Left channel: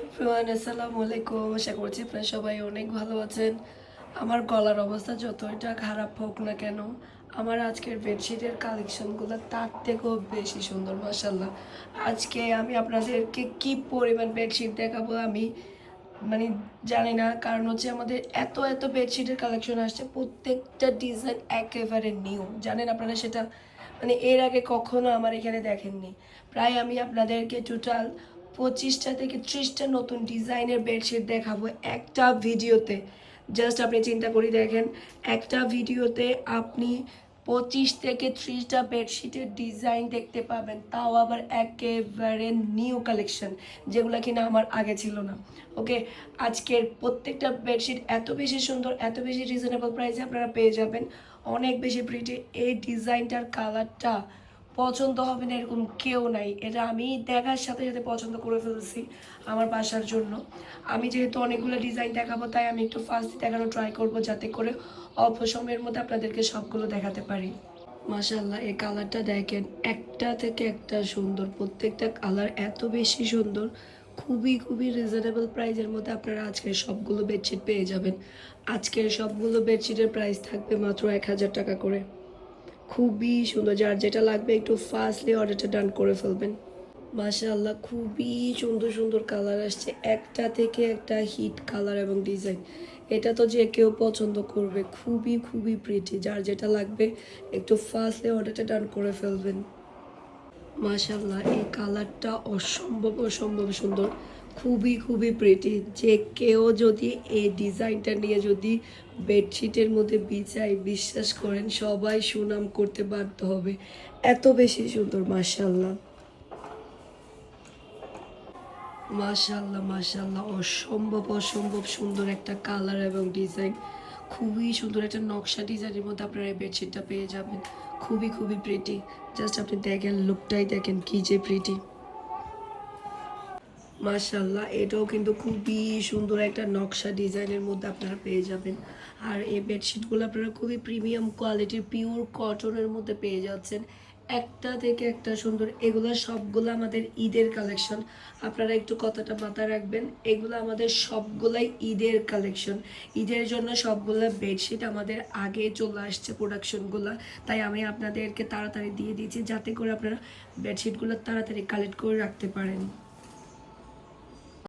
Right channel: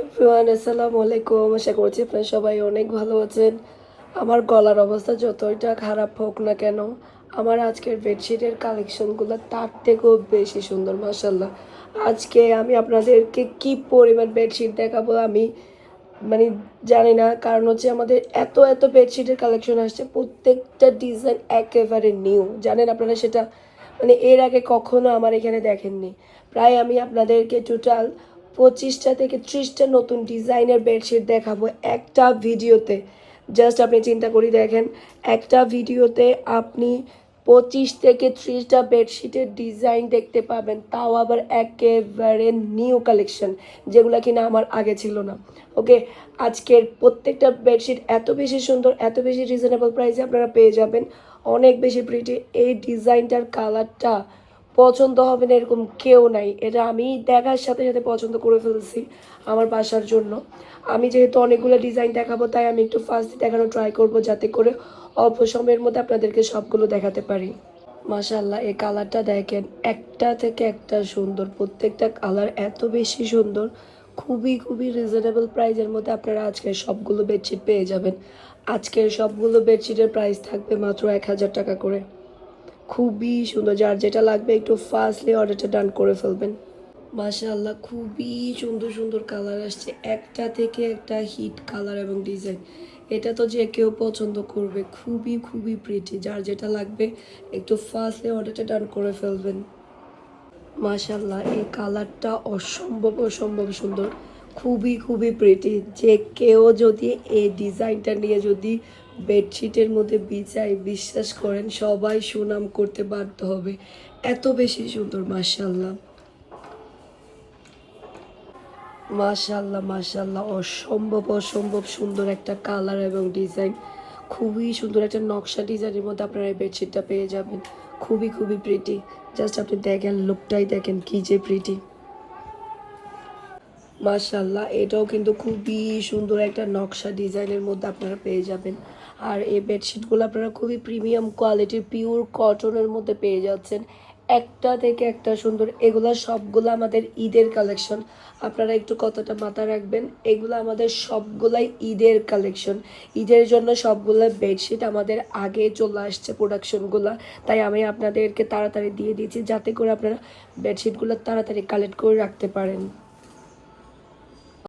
Everyone আসসালামু আলাইকুম। আশা করছি আপনারা সবাই অনেক ভালো আছেন। আমার গলার অবস্থা যতটা খারাপ হোক না কেন, আমার আজকের বেডশিটের কালেকশনগুলো তার থেকেও বেশি সুন্দর মাশাল্লাহ। আজকে আমি আপনাদেরকে কি পরিমাণ বেডশিট দেখাবো আমি মানে জানি না, কারণ হচ্ছে আমাদের এত এত বেডশিটের কালেকশন আসছে, প্রত্যেকটা ডিজাইন একেবারে নিউ, জানেন আপনারা সেটা এর আগে কখনো আমার এখানে দেখেননি। প্রায় আমি আপনাদেরকে টোটাল 25টা থেকে 30টা নতুন ডিজাইনের বেডশিট দেখাবো একটা ভিডিওতে। জাস্ট আপনি চিন্তা করি দেখেন, একটা ভিডিওতে আপনি 25 থেকে 30টা বেডশিটের ডিজাইন দেখতে পাবেন, তাও আবার একেবারে নিউ কালেকশন, যেগুলো কিনা আমার আগে ছিল না। ওকে, আজকের প্রত্যেকটা বেডশিট এত বেশি সুন্দর, এত বেশি রিজনেবল প্রাইসে আপনারা পেয়ে যাবেন, অনেক বেশি প্রিটি। এই ডিজাইনটার কালারটা পছন্দ হবে না এরকম কেউ নাই, এটা আমি দেখার সাথে সাথে পছন্দ করে ফেলছি আমার বাসার জন্য। আমি যেহেতু অনেকগুলো ডিজাইন দেখাবো, তাই আমি একটু ফার্স্ট দেখানো ট্রাই করব, যাতে করে অল্প সময়ের মধ্যে আপনাদেরকে সবগুলো দেখাতে পারি। মাশাল্লাহ, এই কালারটা দেখেন, একটা থেকে একটা সুন্দর, প্রত্যেকটা কালার এত বেশি সুন্দর। খুবই খুবই রিজনেবল প্রাইসের মধ্যে আপনারা আজকের সবগুলো বেডশিট পেয়ে যাবেন। আজকের সবগুলো বেডশিটের প্রাইস থাকবে মাত্র 1000 টাকা করে। খুবই সুন্দর, যার যেটা লাগবে একটু ফাস্টলি অর্ডারটা ডান করে ফেলবেন। মাশাআল্লাহ, খুবই সুন্দর সুন্দর কালার আসছে, একটা থেকে একটা হিট কালার এবং ডিজাইন। এটা তো যে কেউ পছন্দ করবে, খুবই খুবই প্রিটি। যার যেটা লাগবে একটু ফাস্টলি অর্ডারটা ডান করে ফেলবেন। মাশাআল্লাহ, এই কালারটা অসম্ভব অসম্ভব সুন্দর, খুবই খুবই প্রিটি। যে কেউ যদি এই ডিজাইনটা নিয়ে যদি বেডশিটের মধ্যে বিছায়, বিশ্বাস করেন সবাই সুনাম করতে বাধ্য হবে, এত বেশি সুন্দর। মাশাআল্লাহ মাশাআল্লাহ মাশাআল্লাহ, অসম্ভব অসম্ভব সুন্দর একটা কালার এবং ডিজাইন। খুবই সুন্দর একটা নকশা ডিজাইনের মধ্যে আপনারা এই বেডশিটটা পেয়ে যাবেন, খুবই খুবই প্রিটি। জাস্ট আপনি দেখেন, লুকটাই দেখেন কি যে প্রিটি। মাশাআল্লাহ, এটাও কিন্তু খুবই সুন্দর একটা নকশা ডিজাইনের মধ্যে আপনারা পেয়ে যাবেন। আর এই বেডশিটগুলো আপনারা খুবই প্রিমিয়াম কোয়ালিটির পিওর কটনের মধ্যে পেয়ে যাচ্ছেন, একটা থেকে একটা সুন্দর। এগুলা সবগুলো আমাদের ঈদের কালেকশন, আপনারা একটু কথাটা মাথায় রাখবেন। এগুলো আমাদের সবগুলাই ঈদের কালেকশন, ঈদের জন্য সবগুলো বেডশিট আমাদের আগে চলে আসছে প্রোডাকশনগুলো, তাই আমি আপনাদেরকে তাড়াতাড়ি দিয়ে দিয়েছি, যাতে করে আপনারা বেডশিটগুলো তাড়াতাড়ি কালেক্ট করে রাখতে পারেন।